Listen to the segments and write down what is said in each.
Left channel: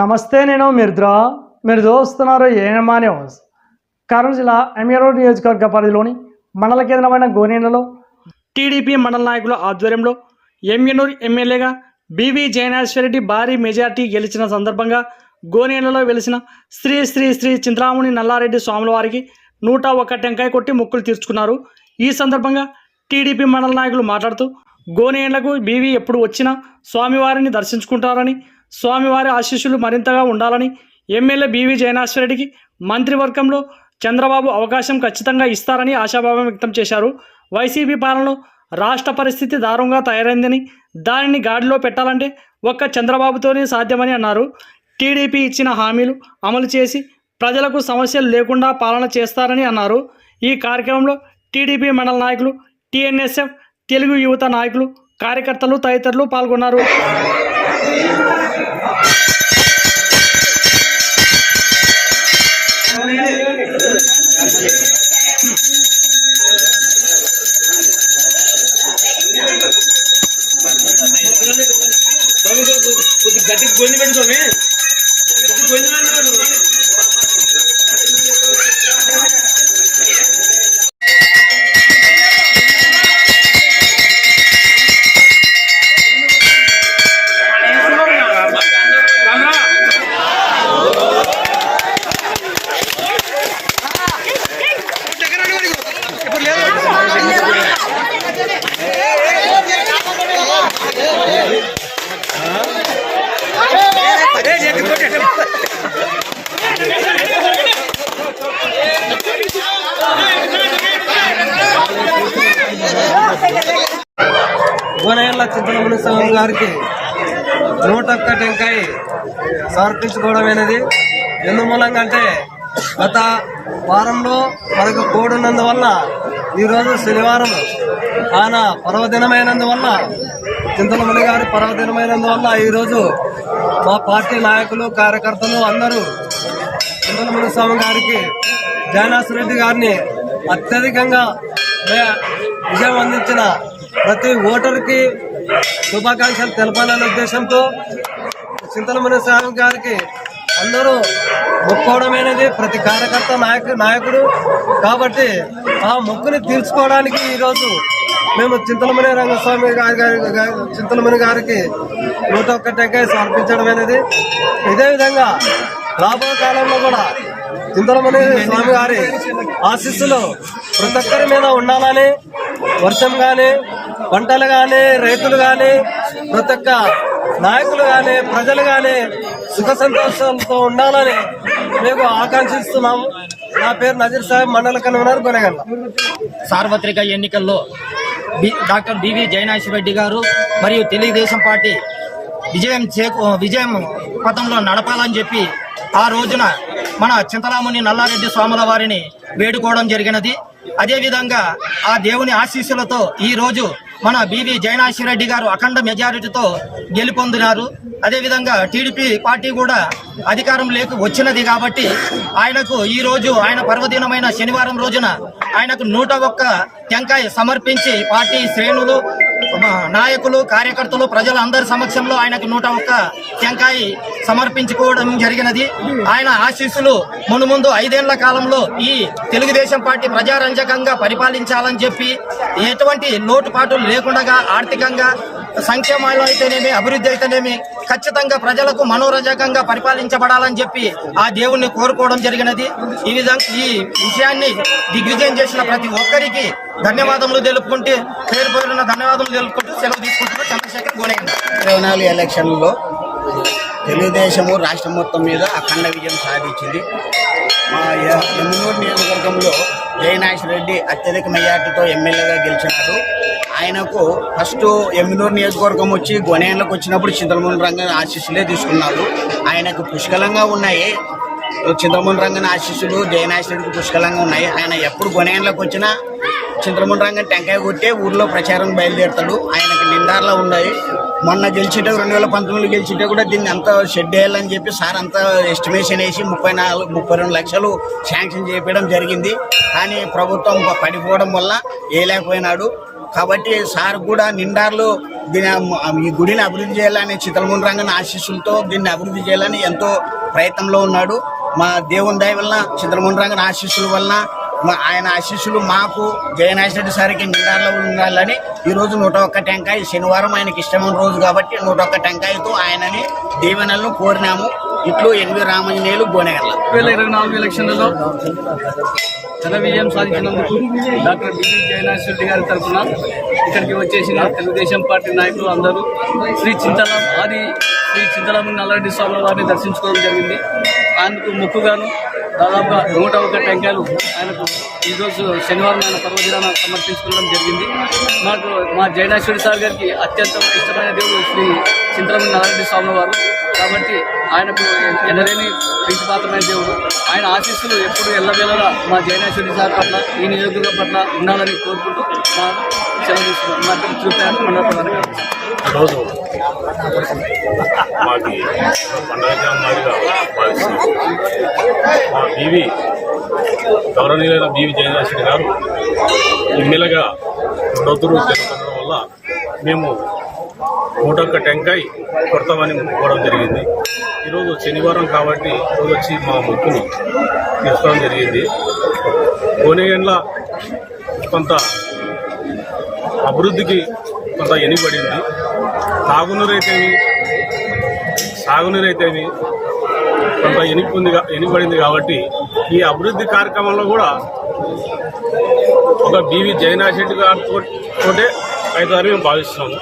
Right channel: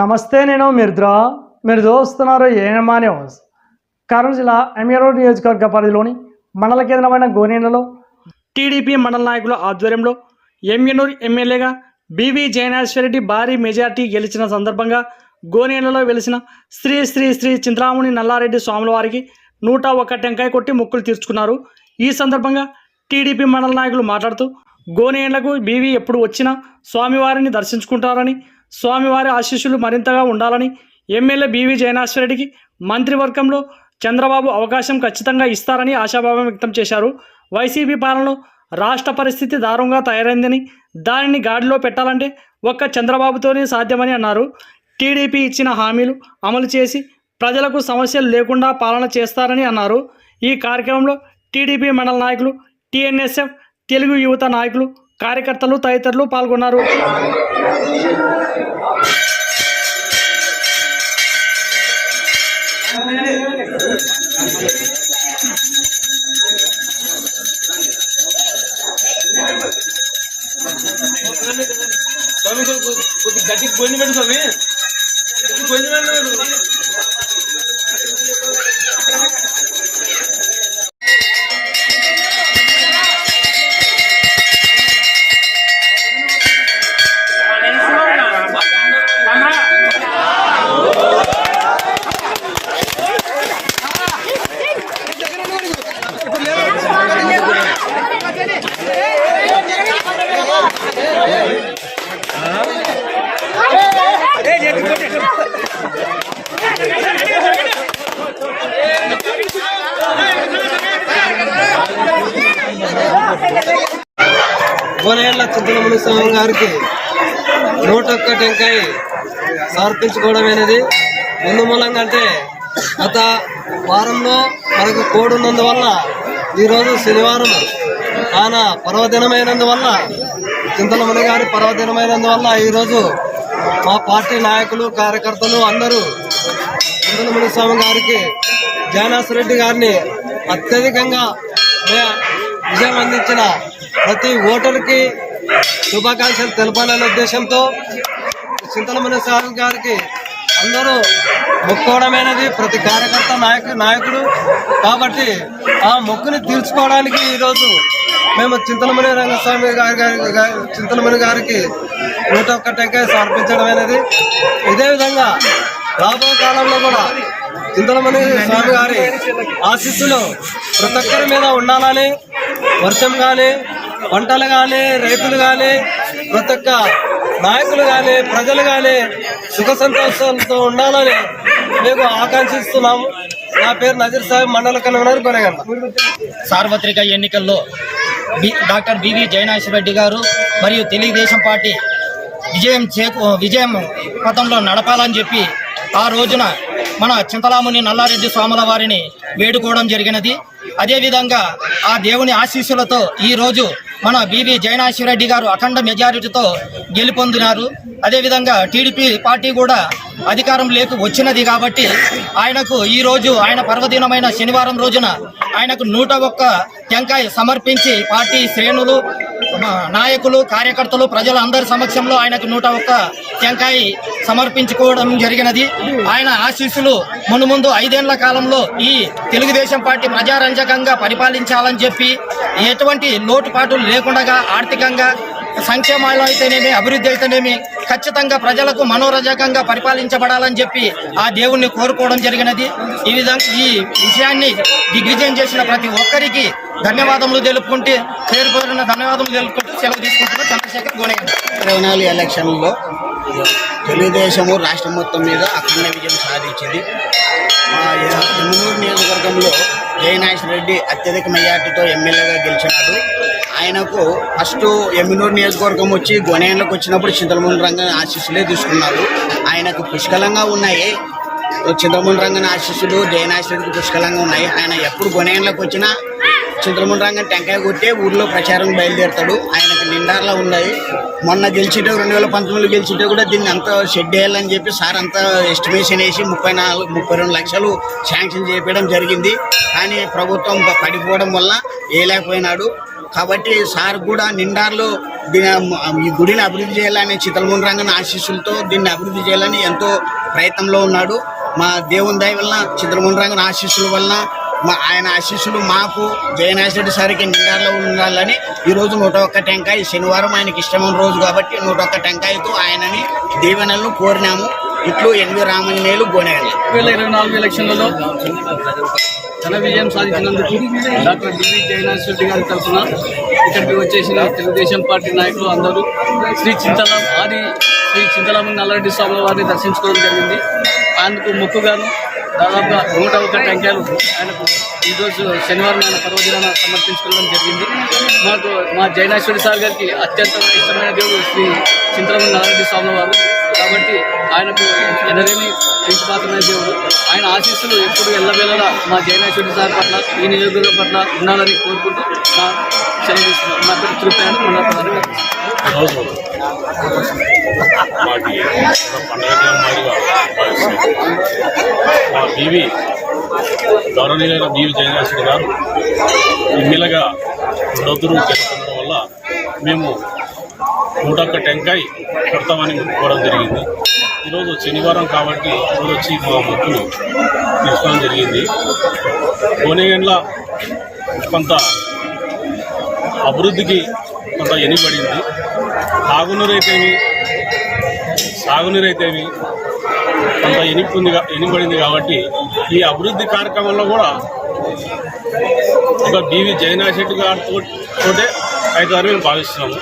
నమస్తే నేను మిర్ద్రా. మీరు చూస్తున్నారు ఏఎంఆ న్యూస్. కర్నూలు జిల్లా ఎమ్మెరోడ్ నియోజకవర్గ పరిధిలోని మండల కేంద్రమైన గోనేలలో టీడీపీ మండల నాయకుల ఆధ్వర్యంలో ఎమ్మెనూరు ఎమ్మెల్యేగా బివి జయనాశ్వరెడ్డి భారీ మెజార్టీ గెలిచిన సందర్భంగా గోనేలలో వెలిసిన శ్రీ శ్రీ శ్రీ చింతామణి నల్లారెడ్డి స్వాముల వారికి నూట ఒక్క టెంకాయ కొట్టి మొక్కులు తీర్చుకున్నారు. ఈ సందర్భంగా టీడీపీ మండల నాయకులు మాట్లాడుతూ గోనేళ్ళకు బీవీ ఎప్పుడు వచ్చినా స్వామివారిని దర్శించుకుంటారని స్వామివారి ఆశీస్సులు మరింతగా ఉండాలని ఎమ్మెల్యే బీవీ జయనాశ్వరెడ్డికి మంత్రివర్గంలో చంద్రబాబు అవకాశం ఖచ్చితంగా ఇస్తారని ఆశాభావం వ్యక్తం చేశారు. వైసీపీ పాలనలో రాష్ట్ర పరిస్థితి దారుణంగా తయారైందని దానిని గాడిలో పెట్టాలంటే ఒక్క చంద్రబాబుతోనే సాధ్యమని అన్నారు. టీడీపీ ఇచ్చిన హామీలు అమలు చేసి ప్రజలకు సమస్యలు లేకుండా పాలన చేస్తారని అన్నారు. ఈ కార్యక్రమంలో టీడీపీ మండల నాయకులు టీఎన్ఎస్ఎఫ్ తెలుగు యువత నాయకులు కార్యకర్తలు తదితరులు పాల్గొన్నారు. కొద్ది గట్టి గొంతు పెట్టు స్వామి గొంతు గొండి పెట్టు చింతలమణి స్వామి గారికి నూట ఒక్క టెంకాయ సమర్పించుకోవడమైనది. ఎందు ఎందుమూలంగా అంటే గత వారంలో మనకు కోడున్నందువల్ల ఈరోజు శనివారం ఆయన పర్వదినమైనందువల్ల చింతలమణి గారి పర్వదినమైనందువల్ల ఈరోజు మా పార్టీ నాయకులు కార్యకర్తలు అందరూ చింతలమణి స్వామి గారికి జయనాథ్ రెడ్డి గారిని అత్యధికంగా విజయం అందించిన ప్రతి ఓటర్కి శుభాకాంక్షలు తెలపాలనే ఉద్దేశంతో చింతలమణి స్వామి గారికి అందరూ మొక్కోవడమైనది ప్రతి కార్యకర్త నాయకు నాయకుడు. కాబట్టి ఆ మొక్కుని తీర్చుకోవడానికి ఈరోజు మేము చింతలమణి రంగస్వామి గారి గారి- చింతలమణి గారికి నూట ఒక్క టెంకాయ సమర్పించడం అనేది ఇదే విధంగా రాబో కాలంలో కూడా చింతలమణి స్వామి గారి ఆశీస్సులు ప్రతి ఒక్కరి మీద ఉండాలని వర్షం కానీ పంటలు కానీ రైతులు కానీ ప్రతి ఒక్క నాయకులు కానీ ప్రజలు కానీ సుఖ సంతోషాలతో ఉండాలని మేము ఆకాంక్షిస్తున్నాము. నా పేరు నజీర్ సాహెబ్ మండల కన్వీనర్ కొనగండ సార్వత్రిక ఎన్నికల్లో B doctor BV Jayanath Reddy గారు మరియు తెలుగుదేశం పార్టీ విజయం చేకూ విజయం పథంలో నడపాలని చెప్పి ఆ రోజున మన చింతలాముని నల్లారెడ్డి స్వాముల వారిని వేడుకోవడం జరిగినది. అదేవిధంగా ఆ దేవుని ఆశీస్సులతో ఈ రోజు మన బివి జయనాశిరెడ్డి గారు అఖండ మెజారిటీతో గెలుపొందినారు. అదేవిధంగా టీడీపీ పార్టీ కూడా అధికారం లేక వచ్చినది కాబట్టి ఆయనకు ఈ రోజు ఆయన పర్వదినమైన శనివారం రోజున ఆయనకు నూట ఒక్క టెంకాయ సమర్పించి పార్టీ శ్రేణులు నాయకులు కార్యకర్తలు ప్రజల అందరి సమక్షంలో ఆయనకు నూట ఒక్క టెంకాయ సమర్పించుకోవడం జరిగినది. ఆయన ఆశీస్సులు మును ముందు ఐదేళ్ళ కాలంలో ఈ తెలుగుదేశం పార్టీ ప్రజారంజకంగా పరిపాలించాలని చెప్పి ఎటువంటి లోటుపాటులు లేకుండా ఆర్థికంగా సంక్షేమాలు అయితేనేమి అభివృద్ధి అయితేనేమి ఖచ్చితంగా ప్రజలకు మనోరజకంగా పరిపాలించబడాలని చెప్పి ఆ దేవుణ్ణి కోరుకోవడం జరిగినది. ఈ విధంగా ఈ విషయాన్ని దిగ్విజయం చేసిన ప్రతి ఒక్కరికి ధన్యవాదములు తెలుపుకుంటే పేరు పేరున ధన్యవాదములు తెలుపుకుంటూ సెలవు తీసుకుంటున్న చంద్రశేఖర్ గోనయ్య ఇరవై నాలుగు ఎలక్షన్లో తెలుగుదేశము రాష్ట్రం మొత్తం మీద అఖండ విజయం సాధించింది. మా య- నియోజకవర్గంలో జయనాథ్ రెడ్డి అత్యధిక మెజార్టీతో ఎమ్మెల్యేగా గెలిచినాడు. ఆయనకు ఫస్ట్ ఎమ్మినూరు నియోజకవర్గం వచ్చి గొనేళ్ళకు వచ్చినప్పుడు చింతలమూని రంగం ఆశీస్సులే తీసుకున్నారు. ఆయనకు పుష్కలంగా ఉన్నాయి. చింతలమూని రంగన్ ఆశీస్సులు జయనాశ్రెడ్డికి పుష్కలంగా ఉన్నాయి. ఆయన ఎప్పుడు గొనేళ్ళకు వచ్చినా చింతలమూని రంగం టెంకాయ కొట్టే ఊర్లో ప్రచారం బయలుదేరుతాడు. ఆయనకు నిండార్లా ఉన్నాయి. మొన్న గెలిచిటే రెండు వేల పంతొమ్మిదిలో గెలిచితే కూడా దీన్ని అంతా షెడ్ వేయాలని చెప్పి సార్ అంతా ఎస్టిమేషన్ వేసి ముప్పై నాలుగు ముప్పై రెండు లక్షలు శాంక్షన్ చేయడం జరిగింది. కానీ ప్రభుత్వం పడిపోవడం వల్ల వేయలేకపోయినాడు. కాబట్టి సార్ కూడా నిండార్లు దీని ఈ గుడిని అభివృద్ధి చేయాలని చిత్తలముని రంగన ఆశీస్సులతో దీన్ని అభివృద్ధి చేయాలని ఎంతో ప్రయత్నంలో ఉన్నాడు. మా దేవుని దయ వలన చిత్రముని రంగన ఆశీస్సుల వలన మా ఆయన ఆశీస్సులు మాకు జయనాథ్ రెడ్డి సార్కి నిండాలో ఉండాలని ఈరోజు నూట ఒక్క టెంకాయ శనివారం ఆయనకి ఇష్టమైన రోజు కాబట్టి నూట ఒక్క టెంకాయతో ఆయనని దీవెనలను కోరినాము. ఇట్లు ఎన్వి రామంజనేయులు గోనెగల్ల. వేల ఇరవై నాలుగు ఎలక్షన్లలో ఘన విజయం సాధించినందుకు doctor B V Jayanath Reddy గారి తరఫున ఇక్కడికి వచ్చేసిన తెలుగుదేశం పార్టీ నాయకులు అందరూ శ్రీ చింతలం ఆది శ్రీ చింతలమ్మ నల్లారెడ్డి స్వామి వారిని దర్శించుకోవడం జరిగింది. ఆయనకు మొక్కుగాను దాదాపుగా నూట ఒక టెంకాయలు ఆయనకు ఈరోజు శనివారం ఆయన పర్వదినాన సమర్పించుకోవడం జరిగింది. మాకు మా జయనాశ్వరి సార్ గారికి అత్యంత ఇష్టమైన దేవుడు శ్రీ చింతలమణి నల్లారెడ్డి స్వామి వారు. కాబట్టి ఆయనకు ఎనలేని ప్రీతిపాత్రమైన దేవుడు. ఆయన ఆశీస్సులు ఎప్పుడు ఎల్లవేళలా మా జయనాశ్వరి సార్ పట్ల ఈ నియోజకవర్గం పట్ల ఉండాలని కోరుకుంటూ నా సెలవు తీసుకున్నాను నా పేరు తిరుపతి మండల ప్రధాన ఈరోజు మాకి పండగ మాదిరిగా భావిస్తున్నాం. మా బీవి గౌరవనీయులైన బీవి జయరాశ్రెడ్డి గారు ఎమ్మెల్యేగా రెండొద్దురు గెలుపొందడం వల్ల మేము నూట ఒక్క టెంకాయ కొడతామని మొక్కుకోవడం జరిగింది. ఈరోజు శనివారం కాబట్టి ఈరోజు వచ్చి మా మొక్కును తీసుకోవడం జరిగింది. కోనేగండ్ల కొంత అభివృద్ధికి కొంత ఎనిపడింది తాగునీరైతేమి సాగునీరైతేమి కొంత ఎనిపింది ఎనిపడింది కాబట్టి ఈ అభివృద్ధి కార్యక్రమంలో కూడా ఒక బీవీ జగన్నాథ్ రెడ్డి గారితో తోటే అయితే మేము భావిస్తున్నాము.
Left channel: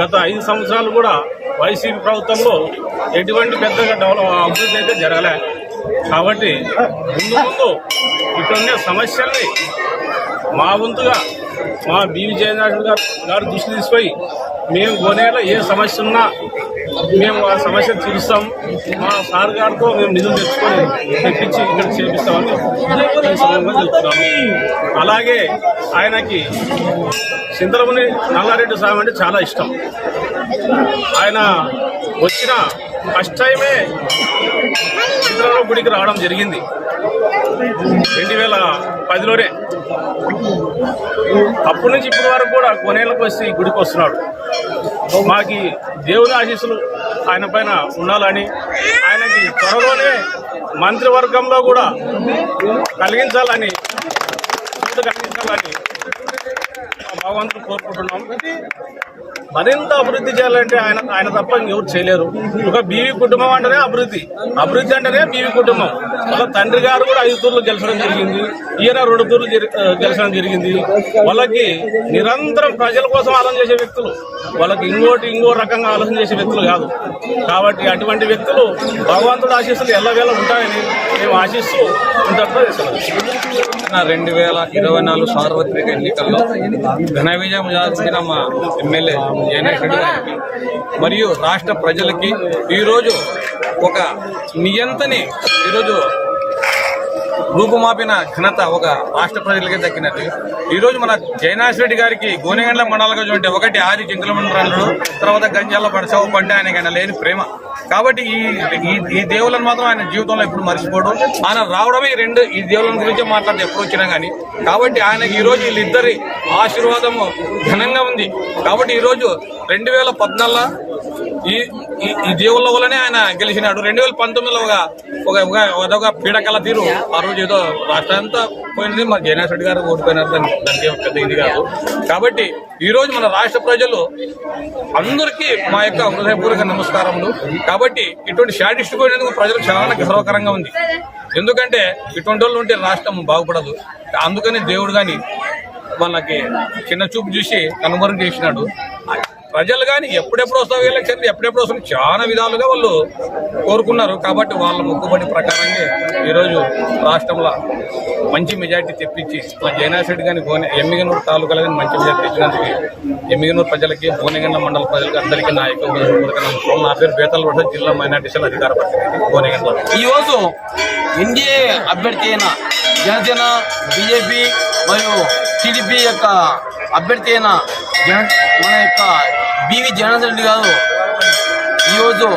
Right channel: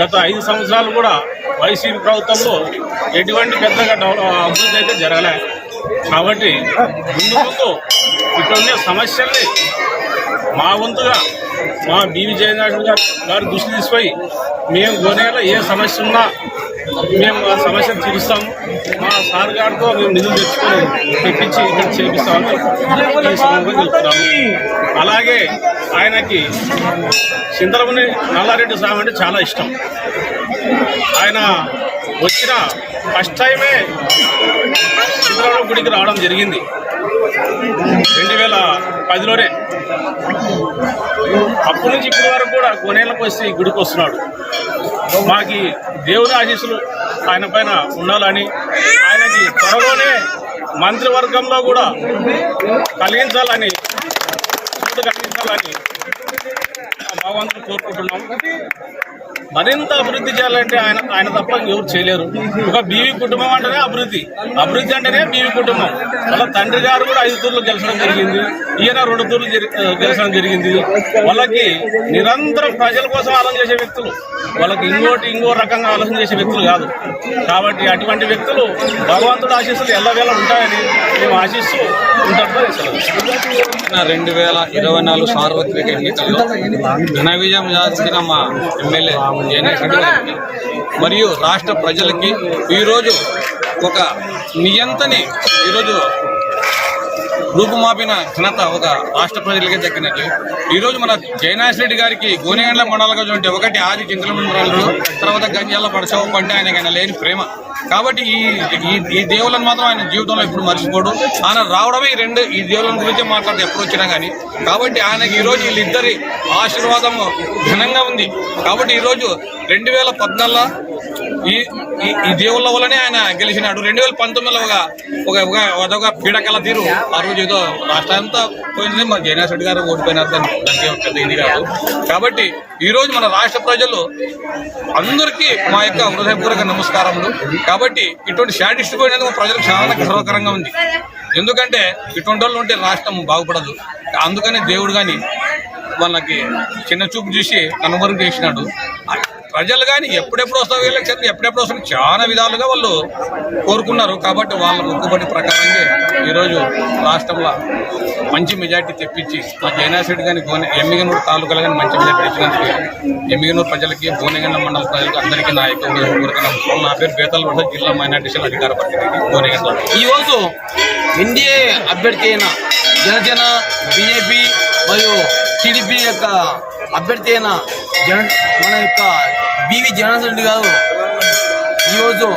గత ఐదు సంవత్సరాలు కూడా వైసీపీ ప్రభుత్వంలో ఎటువంటి పెద్దగా డెవలప్ అభివృద్ధి అయితే జరగలే. కాబట్టి ముందు ముందు ఇక్కడ ఉండే సమస్యల్ని మా వంతుగా మా బీవీ జయనాథ్ గారు గారు దృష్టి తీసుకుపోయి మేము గోనేలో ఏ సమస్య ఉన్నా మేము ఆ సమస్యను తీరుస్తాము. మా సార్ గారితో మేము నిధులు తెచ్చుకొని తెప్పించి ఇక్కడ చేపిస్తామని ఈ చెప్తున్నాము. అలాగే ఆయనకి సింతలముని నల్లారెడ్డి సాయం అంటే చాలా ఇష్టం. ఆయన వచ్చిన ఫస్ట్ టైమే సింతలమ్మ గుడికి రావడం జరిగింది. రెండు వేల పదిలోనే. అప్పటి నుంచి ఇప్పటి వరకు కూడా కొనేళ్ళకు వచ్చి గుడికి వస్తున్నాడు. మాకి దేవుని ఆశీస్సులు ఆయన పైన ఉండాలని ఆయనకి త్వరలోనే మంత్రివర్గంలో కూడా కలిగించాలని కలిగించాలని భగవంతుడు కోరుకుంటున్నాం. మరింత అభివృద్ధి చేయాలంటే ఆయన ఆయన తప్ప ఎవరు చేయలేరు. ఒక బీవీ కుటుంబం అంటేనే అభివృద్ధి. అభివృద్ధి అంటేనే బీవీ కుటుంబం. వాళ్ళ తండ్రి గారు కూడా ఐదు తూర్లు గెలిచడం జరిగింది. ఈయన రెండు తూర్లు జరి- గెలిచడం జరిగింది. వాళ్ళకి నిరంతరం ప్రజల కోసం ఆలోచన చేసే వ్యక్తులు. వాళ్ళకి ఇంకోటి ఇంకో రకంగా ఆలోచన చేసే వ్యక్తులు కాదు. కాబట్టి అటువంటి వ్యక్తులు భగవంతుడు ఆశీస్సులు ఎల్లవేళ ఉంటాయని మేము ఆశిస్తూ ఉంటారో నా రెండు వేల ఇరవై నాలుగు సార్వత్రిక ఎన్నికల్లో ఘన విజయం సాధించిన మా ఎమ్మెల్యే జయనేష్ రెడ్డి గారికి మరియు రాష్ట్ర ప్రజలకి ఈరోజు ఒక నియంతని ఈరోజు రూపుమాపిన ఘనత ఒక రాష్ట్ర ప్రజలకే దక్కినట్టు ఈరోజు మన జయనాథ్ రెడ్డి గారికి గోనెగండ్ల మండలంగా ఒకటి ఆది చింతల మండలంలో తర్వాత గంజాల పడసావు పంట ఆయనకైనా లేని ప్రేమ. కాబట్టి ఈ ఈ- దేవులను మాత్రం ఆయన జీవితంలో ఎప్పుడు మర్చిపోడు. ఆయన రావడమే ఈ రెండు ఈ దేవుల గురించి మాట్లాడితే ఎప్పుడు వచ్చినా కానీ కాబట్టి ఆయనకి ఈరోజు వీళ్ళిద్దరి ఆశీర్వాదము ఘనంగా ఉంది. కాబట్టి ఈరోజు రెండు వేల పద్నాలుగులో ఈ ఈ- ఈ దేవుళ్ళ వల్లనే ఆయన గెలిచినాడు. రెండు వేల పంతొమ్మిదిలో ఒక ఒక అదొక పీడకల తీరు. ఆ రోజు ఏదో రాష్ట్రం అంతా పోయినది మా జగన్ రెడ్డి గారు ఓడిపోయినారు. దాని దానికి పెద్ద ఇది కాదు. కాబట్టి ఈరోజు మన రాష్ట్ర ప్రజలు అందరికీ మా యొక్క హృదయపూర్వక నమస్కారములు. కాబట్టి ఇటువంటి షాడిస్ట్ పోయినందుకు ప్రజలకు చాలా గర్వకరంగా ఉంది. ఎందుకంటే ఇటువంటి వాళ్ళు ఉంటే రాష్ట్రం బాగుపడదు. అందుకని దేవుడు కానీ వాళ్ళకి చిన్న చూపు చూసి కనుమరుగు చేసినాడు. ప్రజలు కానీ ఎప్పుడెప్పుడు వస్తావు ఎలక్షన్ ఎప్పుడెప్పుడు వస్తావు చాలా విధాలుగా వాళ్ళు కోరుకున్నారు. కాబట్టి వాళ్ళ మొక్కుబడి ప్రకారంగా ఈరోజు రాష్ట్రంలో మంచి మెజార్టీ తెప్పించి మా జయనాథ్ కానీ గోనె ఎమ్మిగనూరు తాలూకాలు కానీ మంచి మెజార్టీ తెచ్చినందుకు ఎమ్మిగనూరు ప్రజలకి భువనగండ మండల ప్రజలకి అందరికీ నా యొక్క నమస్కారం. నా పేరు బేతల వడ్డ జిల్లా మైనార్టీసీల అధికార ప్రతినిధి భువనగండ ఈరోజు ఎన్డీఏ అభ్యర్థి అయిన జనసేన బీజేపీ మరియు టీడీపీ యొక్క అభ్యర్థి అయిన జన మన యొక్క బీవి జనార్దన్ రెడ్డి గారు ఈరోజు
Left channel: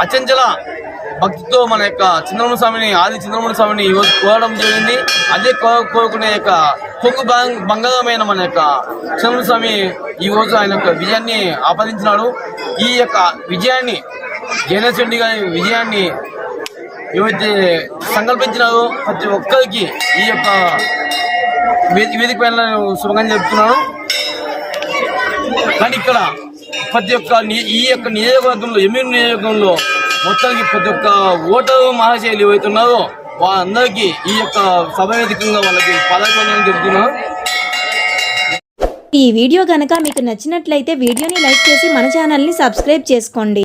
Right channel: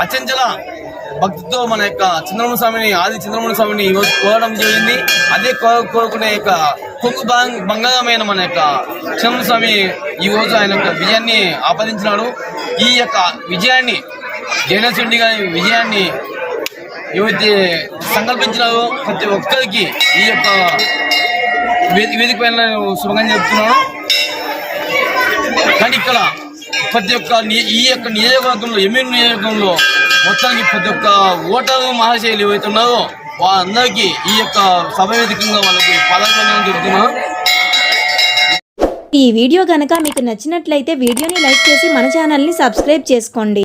అచంచల భక్తితో మన యొక్క చంద్రమణ స్వామిని ఆది చంద్రమణ స్వామిని ఈ రోజు కోరడం జరిగింది. అదే కోరుకునే యొక్క కొంగు బంగారమైన మన యొక్క చంద్రమణ స్వామి ఈ రోజు ఆయన యొక్క విజయాన్ని ఆపాదించినాడు. ఈ యొక్క విజయాన్ని జగన్ రెడ్డి గారి విజయాన్ని ఏవైతే సంకల్పించినారో ప్రతి ఒక్కరికి ఈ యొక్క వేది- వేదిక పైన శుభంగా చెప్తున్నాను. కానీ ఇక్కడ ప్రతి ఒక్క ఈ యొక్క నియోజకవర్గంలో ఎమ్మెల్యే నియోజకవర్గంలో మొత్తానికి ప్రతి ఒక్క ఓటరు మహాశైలి ఏవైతే ఉన్నారో వాళ్ళందరికీ ఈ యొక్క సభ వేదికంగా వాళ్ళకి పదవి చెప్తున్నాను ఈ వీడియో గనక మీకు నచ్చినట్లయితే వీడియోని లైక్ చేసి మన ఛానల్ని సబ్స్క్రైబ్ చేసుకోండి.